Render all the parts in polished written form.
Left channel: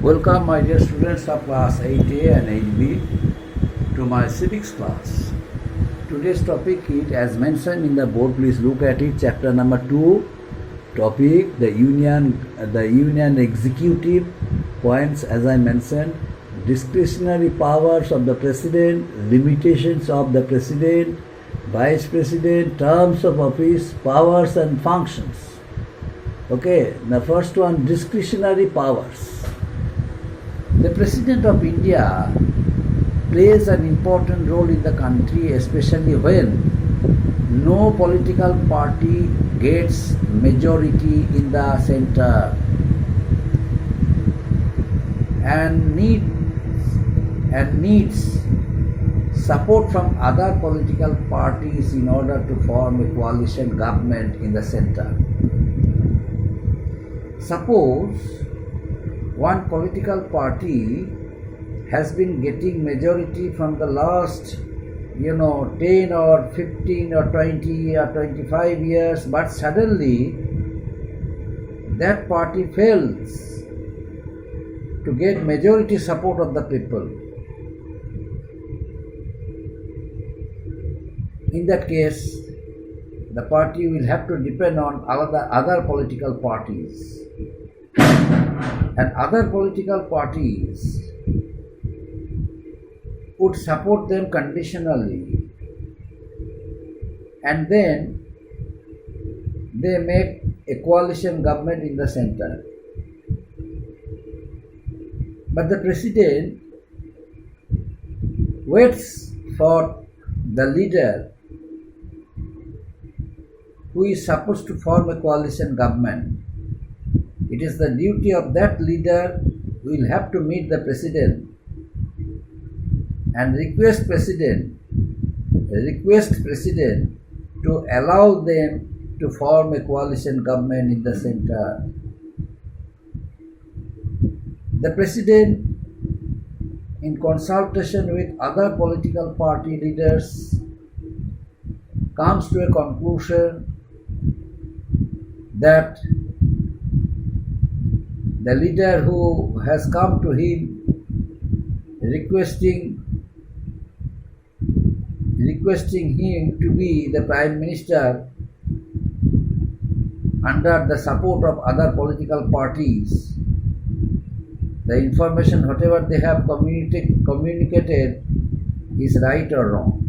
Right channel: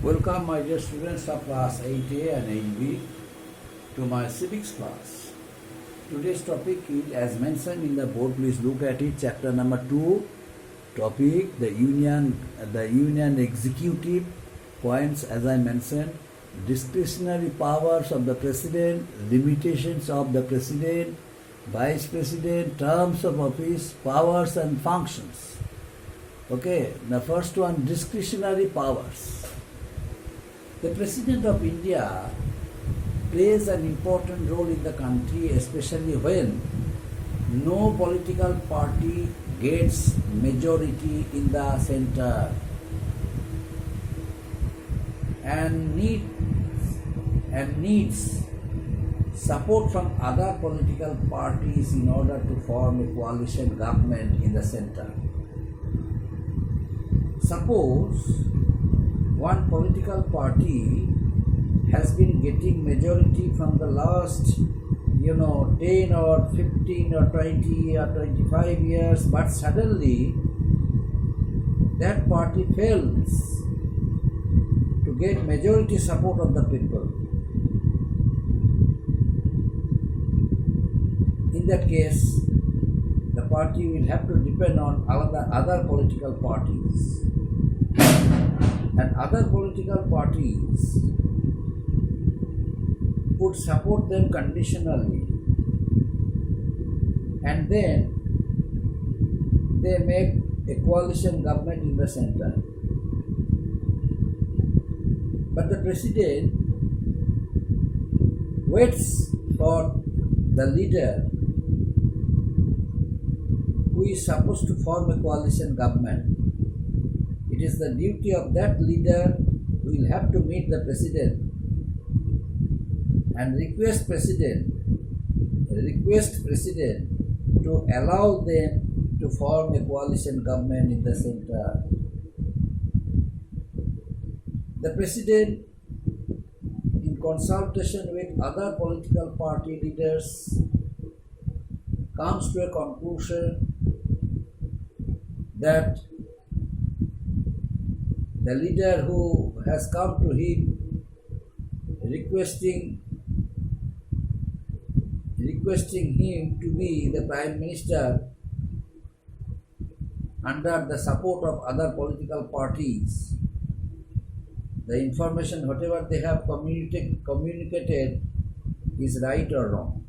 Welcome, my dear students of class 8A and 8B, to my civics class. Today's topic is, as mentioned in the board, please look at it, chapter number 2, topic the union executive points, as I mentioned, discretionary powers of the president, limitations of the president, vice president, terms of office, powers and functions. Okay, the first one, discretionary powers. The President of India plays an important role in the country, especially when no political party gets majority in the center and needs support from other political parties in order to form a coalition government in the center. Suppose one political party has been getting majority from the last 10 or 15 or 20 or 25 years, but suddenly that party fails to get majority support of the people. In that case, the party will have to depend on other political parties. And other political parties would support them conditionally, and then they make a coalition government in the center. But the president waits for the leader who is supposed to form a coalition government. It is the duty of that leader who will have to meet the president and request president to allow them to form a coalition government in the center. The president, in consultation with other political party leaders, comes to a conclusion that the leader who has come to him requesting him to be the Prime Minister under the support of other political parties, the information, whatever they have communicated, is right or wrong.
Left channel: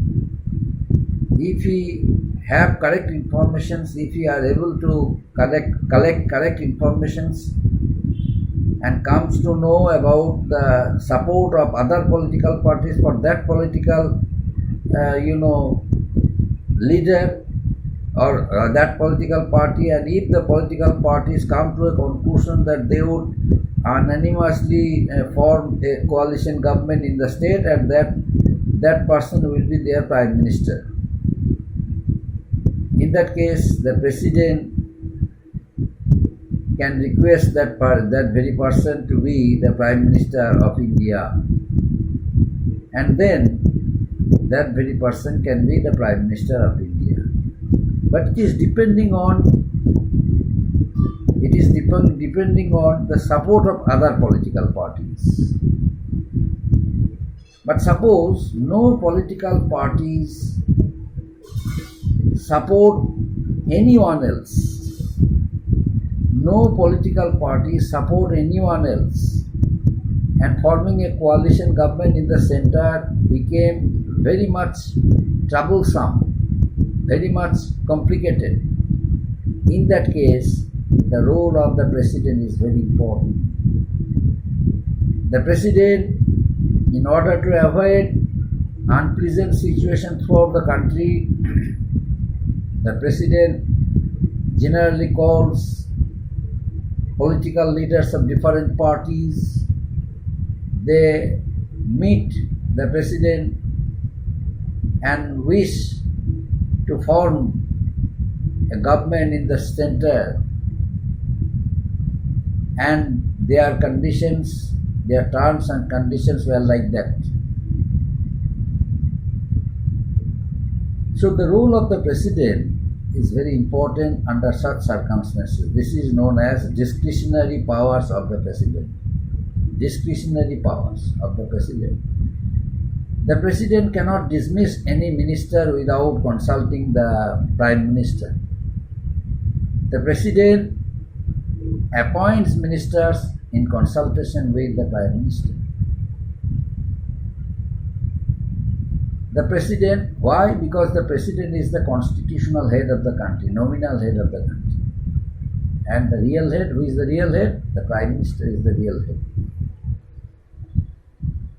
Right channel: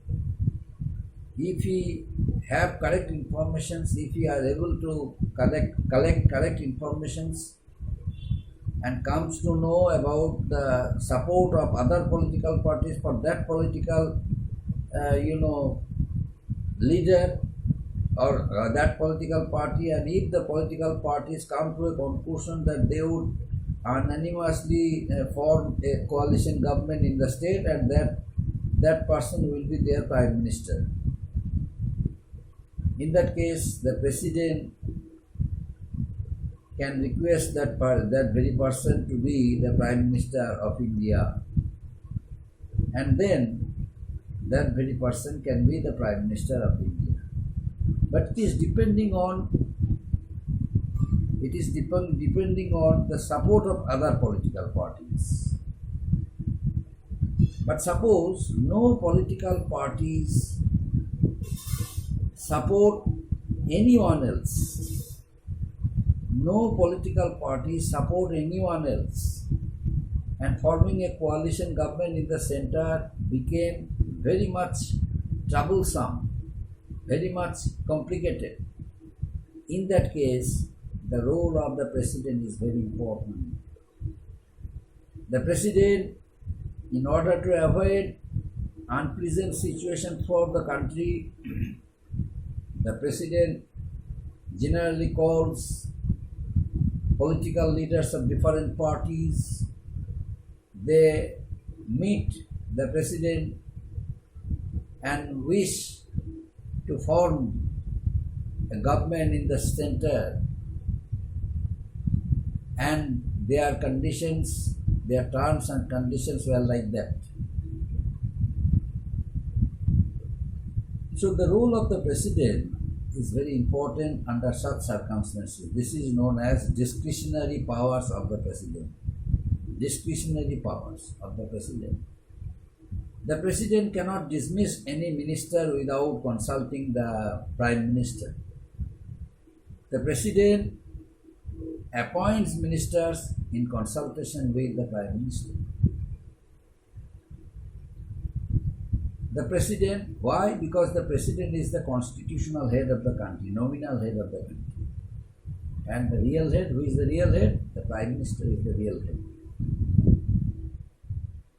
If he have correct informations, if he are able to collect correct informations, and comes to know about the support of other political parties for that political leader or that political party, and if the political parties come to a conclusion that they would unanimously form a coalition government in the state, and that person will be their Prime Minister. In that case, the president can request that very person to be the Prime Minister of India, and then that very person can be the Prime Minister of India. But it is depending on the support of other political parties. But suppose no political parties support anyone else. No political parties support anyone else, and forming a coalition government in the center became very much troublesome, very much complicated. In that case, the role of the president is very important. The president, in order to avoid unpleasant situations throughout the country, the president generally calls political leaders of different parties. They meet the president and wish to form a government in the center, and their conditions, their terms and conditions were like that. So the role of the president is very important under such circumstances. This is known as discretionary powers of the president. discretionary powers of the President. The President cannot dismiss any minister without consulting the Prime Minister. The President appoints ministers in consultation with the Prime Minister. The President, why? Because the President is the constitutional head of the country, nominal head of the country. And the real head, who is the real head? The Prime Minister is the real head.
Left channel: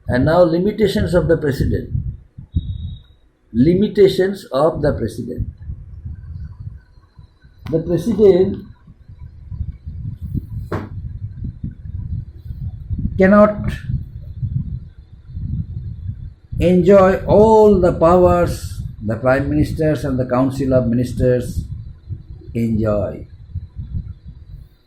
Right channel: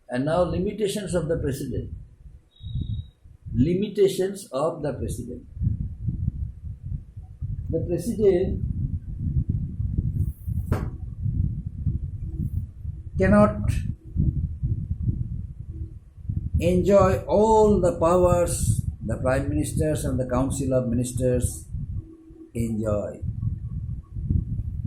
And now limitations of the President. Limitations of the President. The President cannot enjoy all the powers the Prime Ministers and the Council of Ministers enjoy.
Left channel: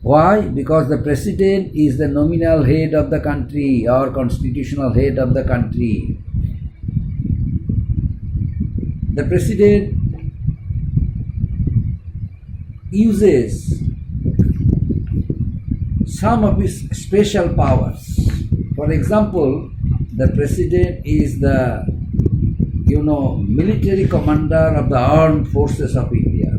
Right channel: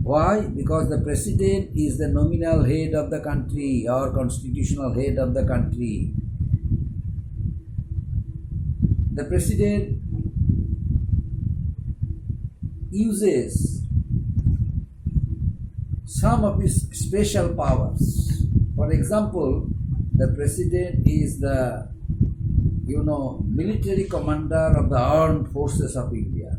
Why? Because the President is the nominal head of the country or constitutional head of the country. The President uses some of his special powers. For example, the President is the military commander of the armed forces of India.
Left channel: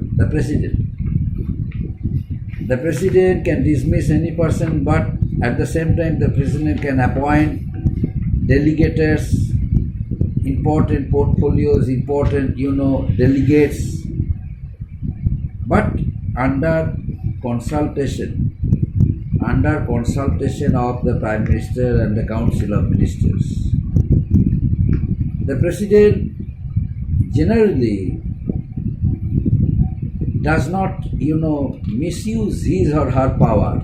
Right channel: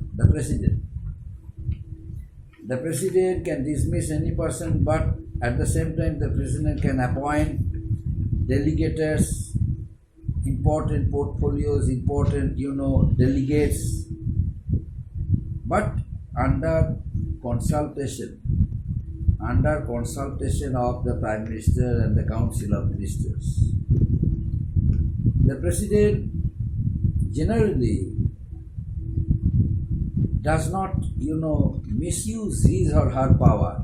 The President can dismiss any person, but at the same time the President can appoint delegators, important portfolios, important delegates, but under consultation of the Prime Minister and the Council of Ministers. The President generally does not, misuse his or her power.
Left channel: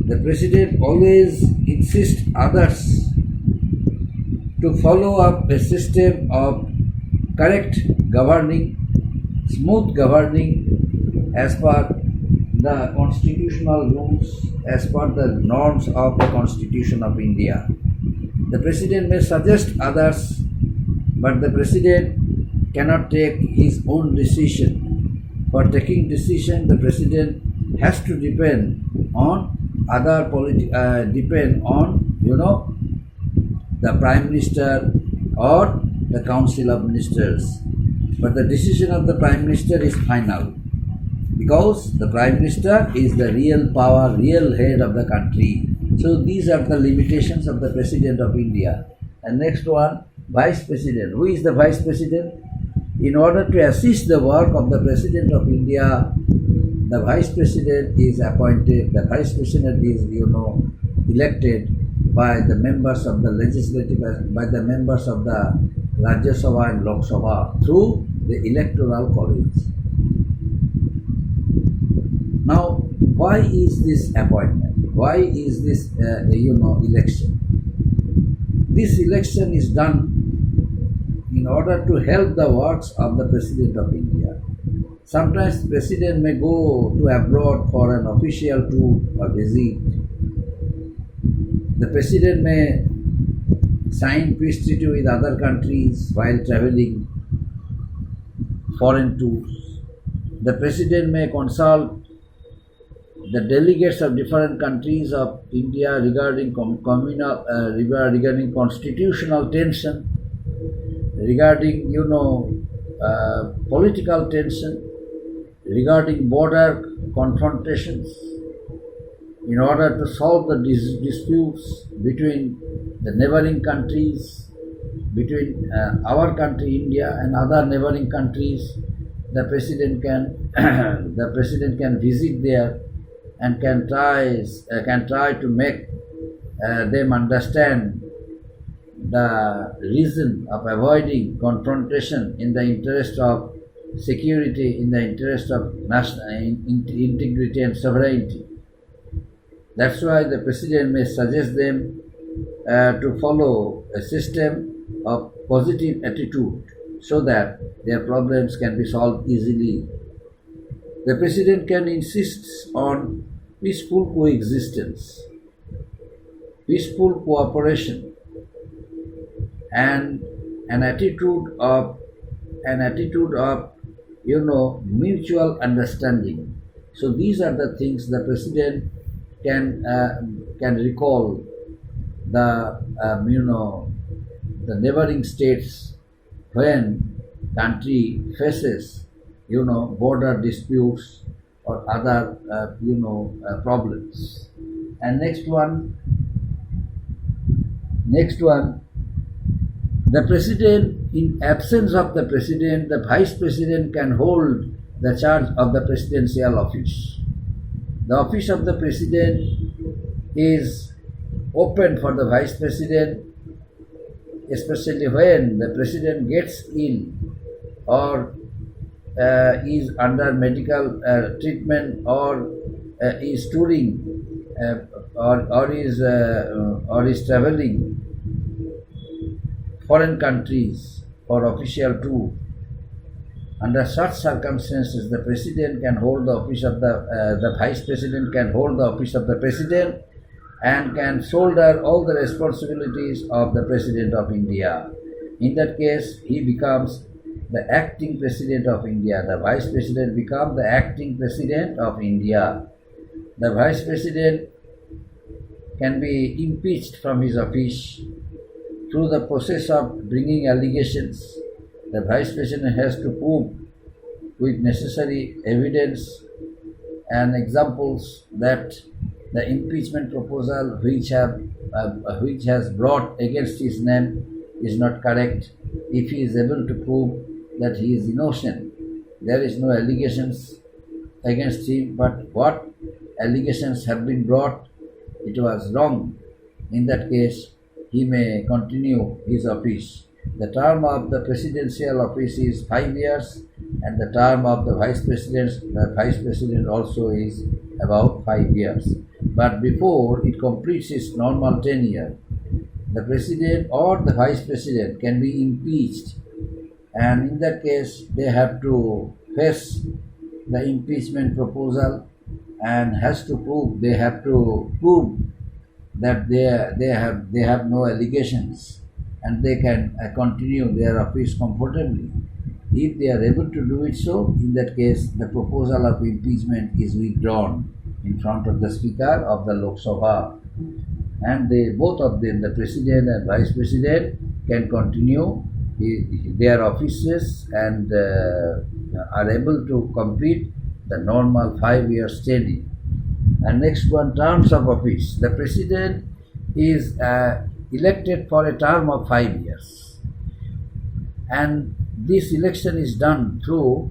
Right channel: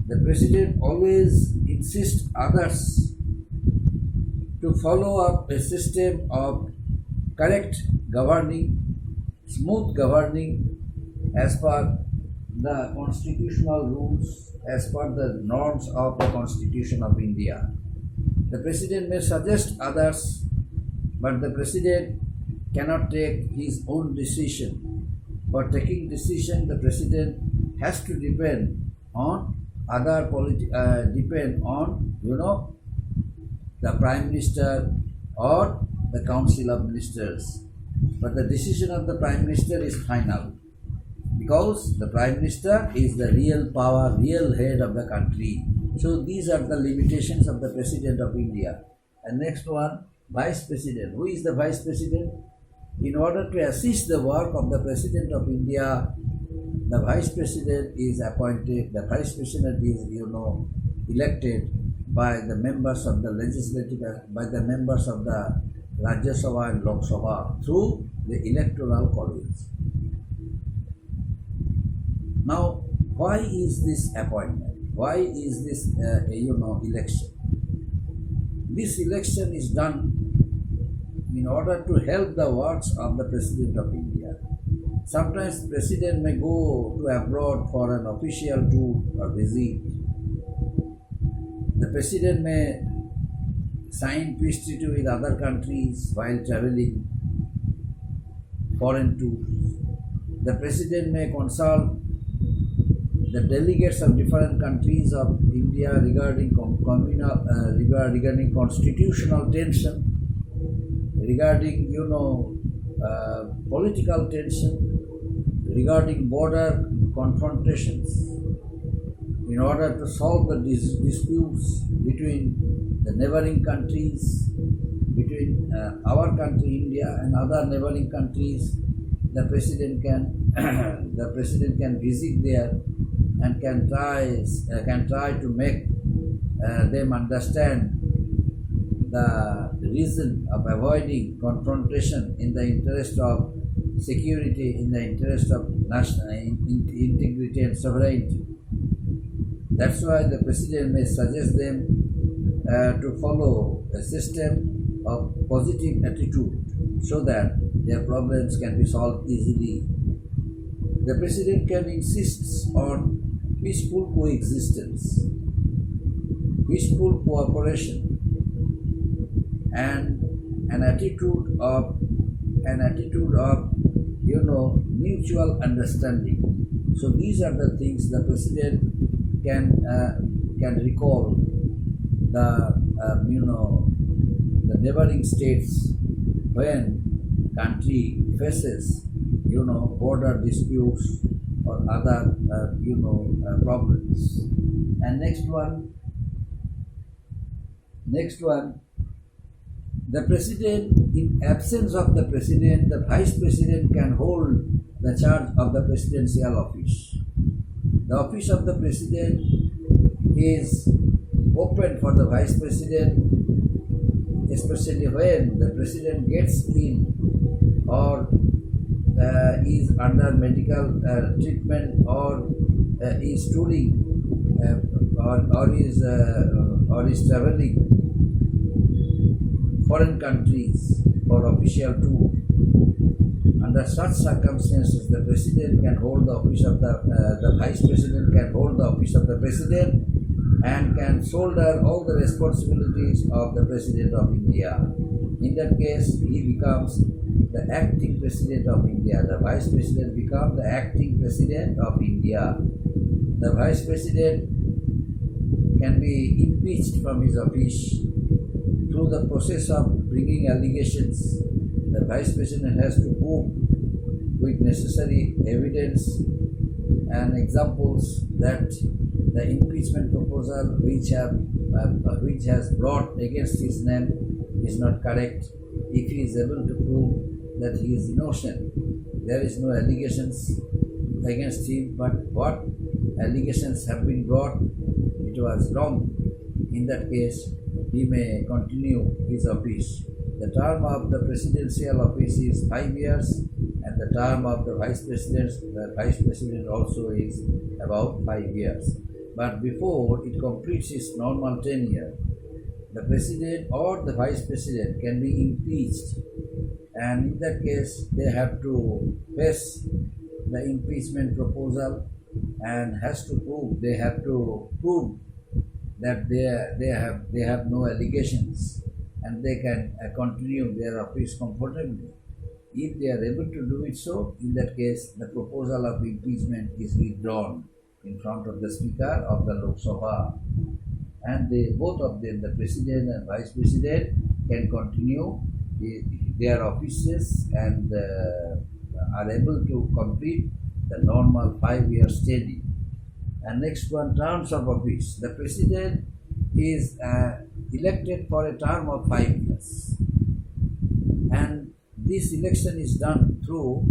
The President always insists others to follow up a system of correct governing, smooth governing as per the constitutional rules, as per the norms of the Constitution of India. The President may suggest others, but the President cannot take his own decision. For taking decision, the President has to depend on the Prime Minister or the Council of Ministers. But the decision of the Prime Minister is final, because the Prime Minister is the real power, real head of the country. So these are the limitations of the President of India. And next one, Vice President. Who is the Vice President? In order to assist the work of the President of India, the Vice President is appointed, the Vice President is, elected by the members of the legislative, by the members of the Rajya Sabha and Lok Sabha through the electoral college. Now, why is this appointment? Why is this, election? This election is done in order to help the works of the President of India. Sometimes the President may go to abroad for an official tour or visit. The President may sign peace treaty with other countries while traveling foreign tours. The President may consult the delegates of different countries of India regarding regarding constitutional tension, regarding political tension, regarding border confrontations, in order to solve the disputes between the neighboring countries, between our country India and other neighboring countries. The President can visit there and can try to make them understand the reason of avoiding confrontation in the interest of security, in the interest of national integrity and sovereignty. That's why the President may suggest them to follow a system of positive attitude so that their problems can be solved easily. The President can insist on peaceful coexistence, peaceful cooperation, and an attitude of mutual understanding. So these are the things the President can recall the the neighboring states when country faces border disputes or other problems. And next one, the president, in absence of the president, the vice president can hold the charge of the presidential office. The office of the president is open for the vice president, especially when the president gets ill or is under medical treatment or is touring or is traveling foreign countries for official tour. Under such circumstances, the president can hold the office of the vice president can hold the office of the president and can shoulder all the responsibilities of the President of India. In that case, he becomes the acting President of India. The Vice President becomes the acting President of India. The Vice President can be impeached from his office through the process of bringing allegations. The Vice President has to prove with necessary evidence and examples that the impeachment proposal which has brought against his name is not correct. If he is able to prove that he is innocent, there is no allegations against him, but what allegations have been brought, it was wrong. In that case, he may continue his office. The term of the presidential office is 5 years, and the term of the vice president also is about 5 years. But before it completes its normal tenure, the president or the vice president can be impeached, and in that case they have to face the impeachment proposal and they have to prove that they have no allegations and they can continue their office comfortably. If they are able to do it so, in that case the proposal of impeachment is withdrawn in front of the Speaker of the Lok Sabha, and both of them, the President and Vice President, can continue their offices and are able to complete the normal 5 years tenure. And next one, terms of office. The President is elected for a term of 5 years, and this election is done through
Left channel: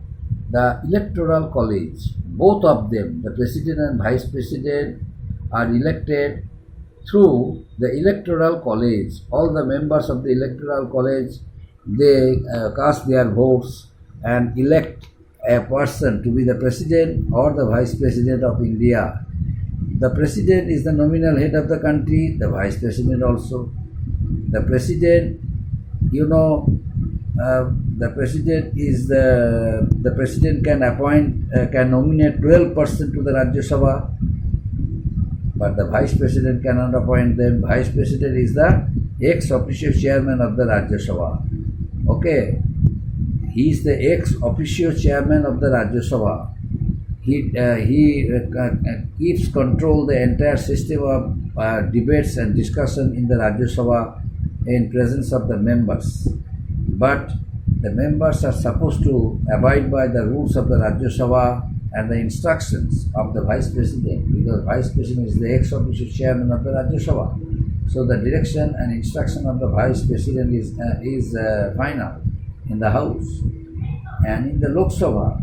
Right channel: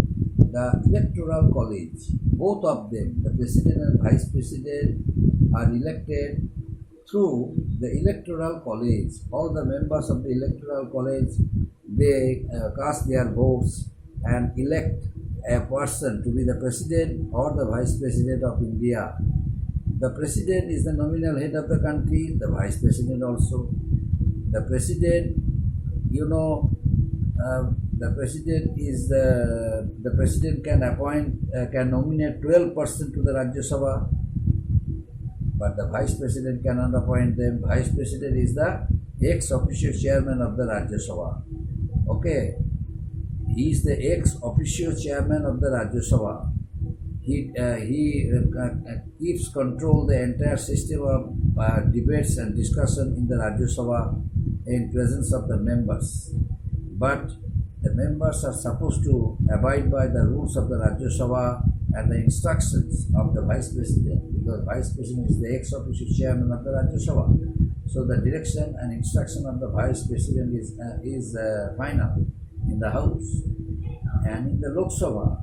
the Electoral College. Both of them, the President and Vice President, are elected through the Electoral College. All the members of the Electoral College, they cast their votes and elect a person to be the President or the Vice President of India. The President is the nominal head of the country, the Vice President also. The President, the President can nominate 12 persons to the Rajya Sabha, but the Vice President cannot appoint them. Vice President is the ex officio chairman of the Rajya Sabha. Okay, he is the ex officio chairman of the Rajya Sabha. He keeps control the entire system of debates and discussion in the Rajya Sabha in presence of the members. But the members are supposed to abide by the rules of the Rajya Sabha and the instructions of the Vice President, because Vice President is the ex officio chairman of the Rajya Sabha. So the direction and instruction of the Vice President is final in the House. And in the Lok Sabha,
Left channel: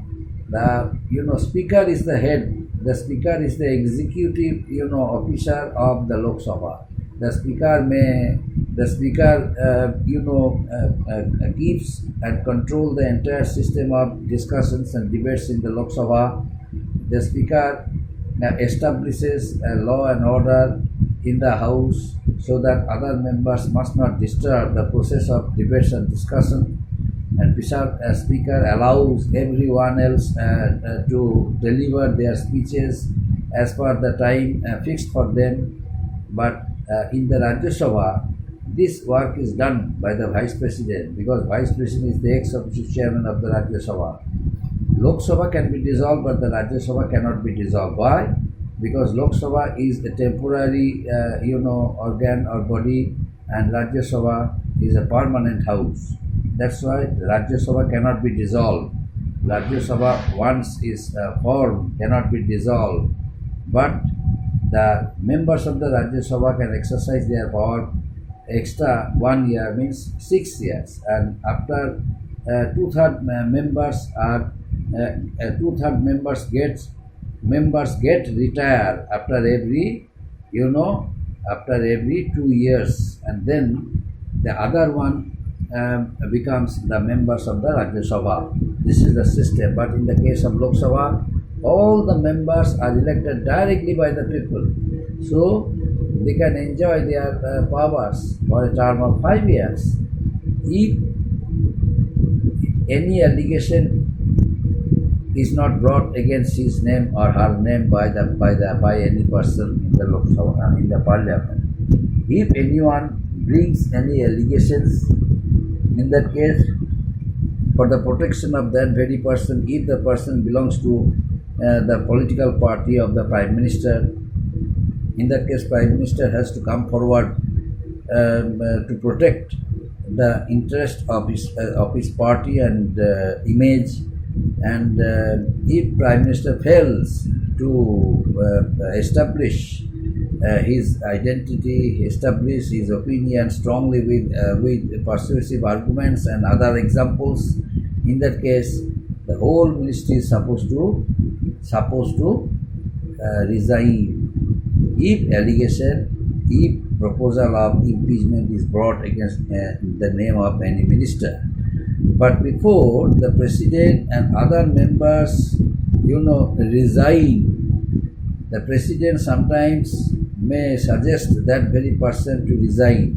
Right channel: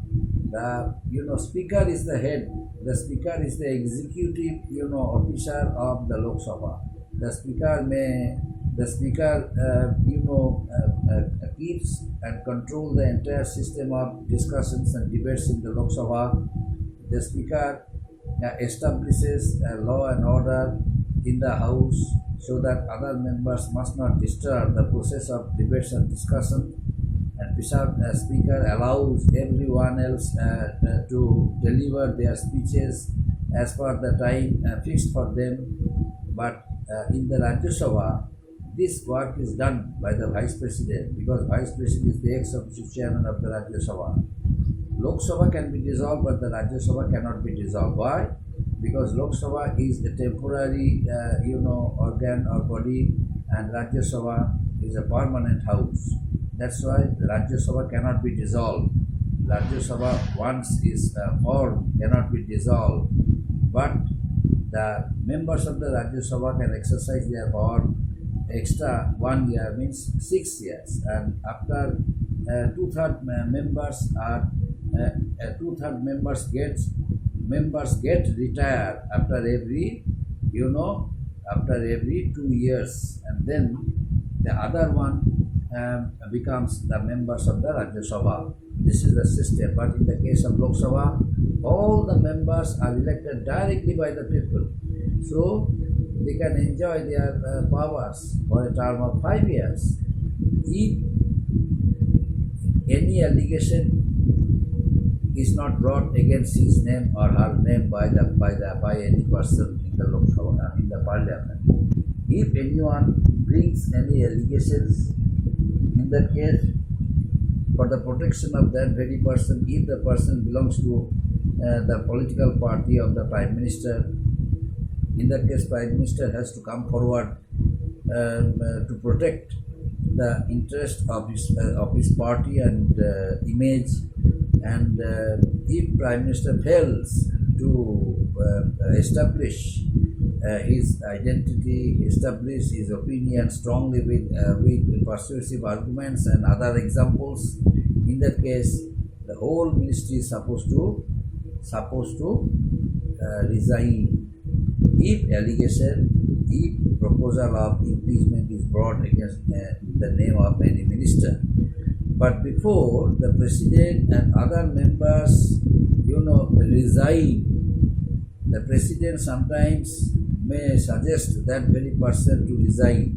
the Speaker is the head. The Speaker is the executive officer of the Lok Sabha. The Speaker keeps and control the entire system of discussions and debates in the Lok Sabha. The Speaker establishes a law and order in the House so that other members must not disturb the process of debates and discussion. And Speaker allows everyone else to deliver their speeches as per the time fixed for them. But in the Rajya Sabha, this work is done by the Vice President, because Vice President is the ex-officio chairman of the Rajya Sabha. Lok Sabha can be dissolved, but the Rajya Sabha cannot be dissolved. Why? because Lok Sabha is a temporary organ or body, and Rajya Sabha is a permanent house. That's why Rajya Sabha cannot be dissolved. Rajya Sabha once is formed cannot be dissolved, but the members of the Rajya Sabha can exercise their power extra 1 year, means 6 years, and after two-third members are two-third members get retired after every after every 2 years, and then the other one becomes the members of the Rajya Sabha. This is the system. But in the case of Lok Sabha, all the members are elected directly by the people, so they can enjoy their powers for a term of 5 years. If any allegation is not brought against his name or her name by any person in the Lok Sabha, in the parliament, if anyone brings any allegations, in that case, for the protection of that very person, if the person belongs to the political party of the Prime Minister, in that case Prime Minister has to come forward to protect the interest of his party and image, and if Prime Minister fails to establish his identity, establish his opinion strongly with persuasive arguments and other examples, in that case the whole ministry is supposed to resign. If proposal of impeachment is brought against the name of any minister, but before the president and other members resign, the president sometimes may suggest that very person to resign.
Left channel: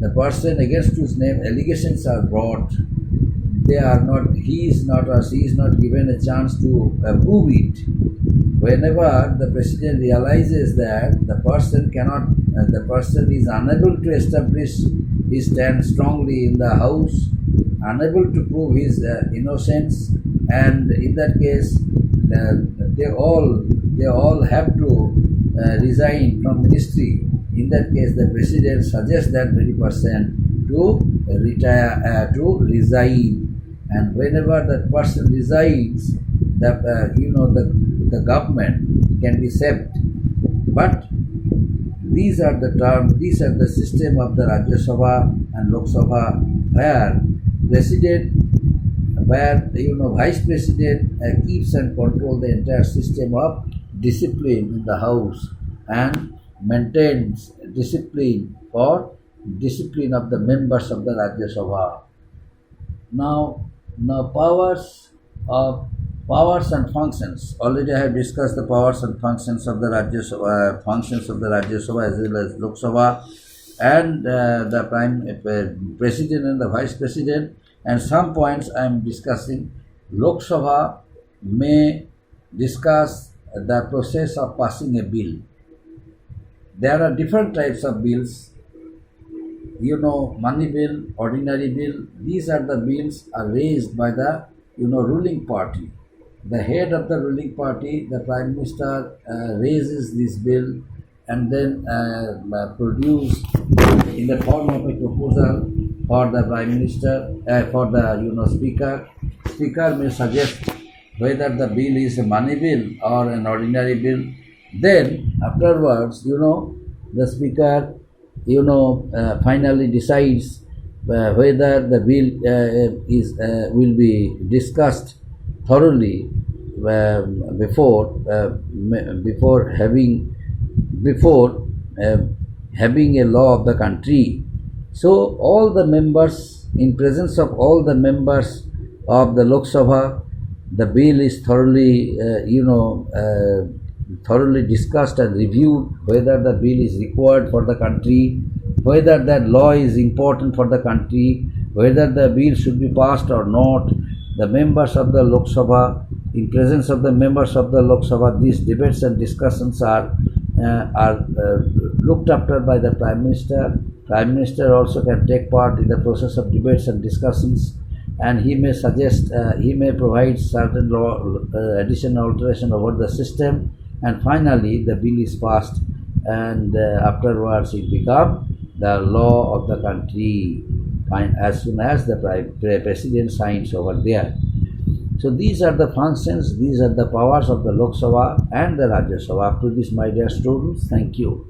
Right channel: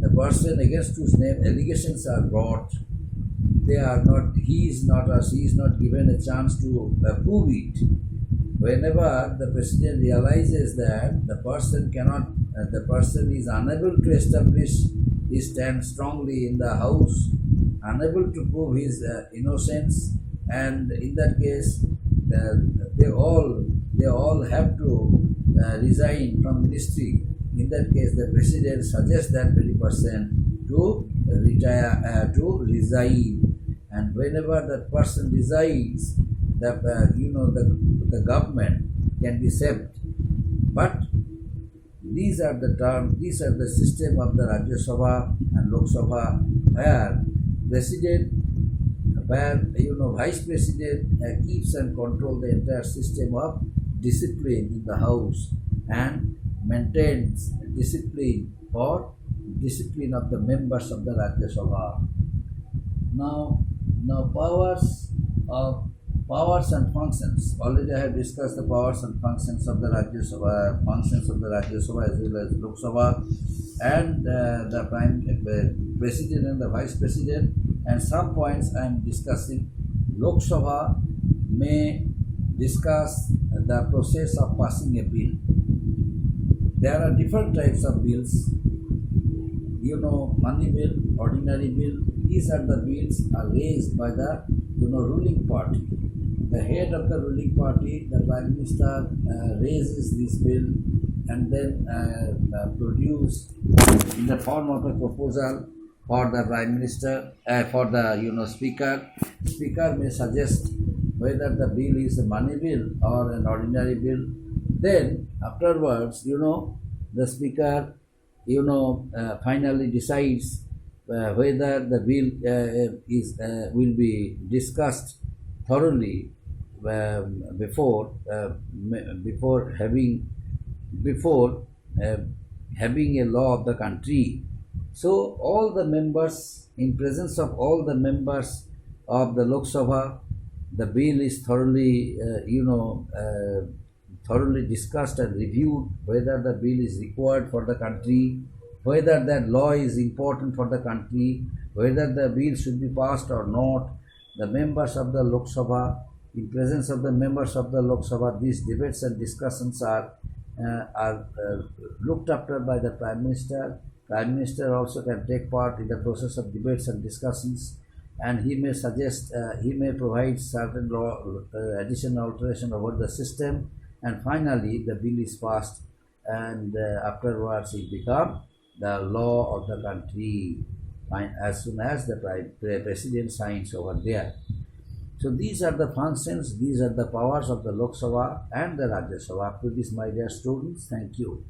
The person against whose name allegations are brought, he is not or she is not given a chance to prove it. Whenever the president realizes that the person is unable to establish his stand strongly in the house, unable to prove his innocence, and in that case they all have to resign from ministry. In that case, the president suggests that very person to resign, and whenever that person resigns, the government can be saved. But these are the system of the Rajya Sabha and Lok Sabha, where vice president keeps and controls the entire system of discipline in the house and maintains discipline of the members of the Rajya Sabha. Now powers and functions. Already I have discussed the powers and functions of the Rajya Sabha, as well as Lok Sabha, and the president and the vice president. And some points I am discussing. Lok Sabha may discuss the process of passing a bill. There are different types of bills. Money bill, ordinary bill. These are the bills are raised by the ruling party. The head of the ruling party, the Prime Minister, raises this bill and then produce in the form of a proposal for the Prime Minister, for the Speaker. Speaker may suggest whether the bill is a money bill or an ordinary bill. Then afterwards, the Speaker, finally decides whether the bill will be discussed thoroughly before having a law of the country. So all the members, in presence of all the members of the Lok Sabha, the bill is thoroughly discussed and reviewed, whether the bill is required for the country, whether that law is important for the country, whether the bill should be passed or not. The members of the Lok Sabha, in presence of the members of the Lok Sabha, these debates and discussions are looked after by the Prime Minister. Prime Minister also can take part in the process of debates and discussions, and he may suggest, he may provide certain law addition or alteration over the system, and finally the bill is passed, and afterwards it becomes the law of the country as soon as the president signs over there. So these are the functions, these are the powers of the Lok Sabha and the Rajya Sabha. Up to this, my dear students, thank you.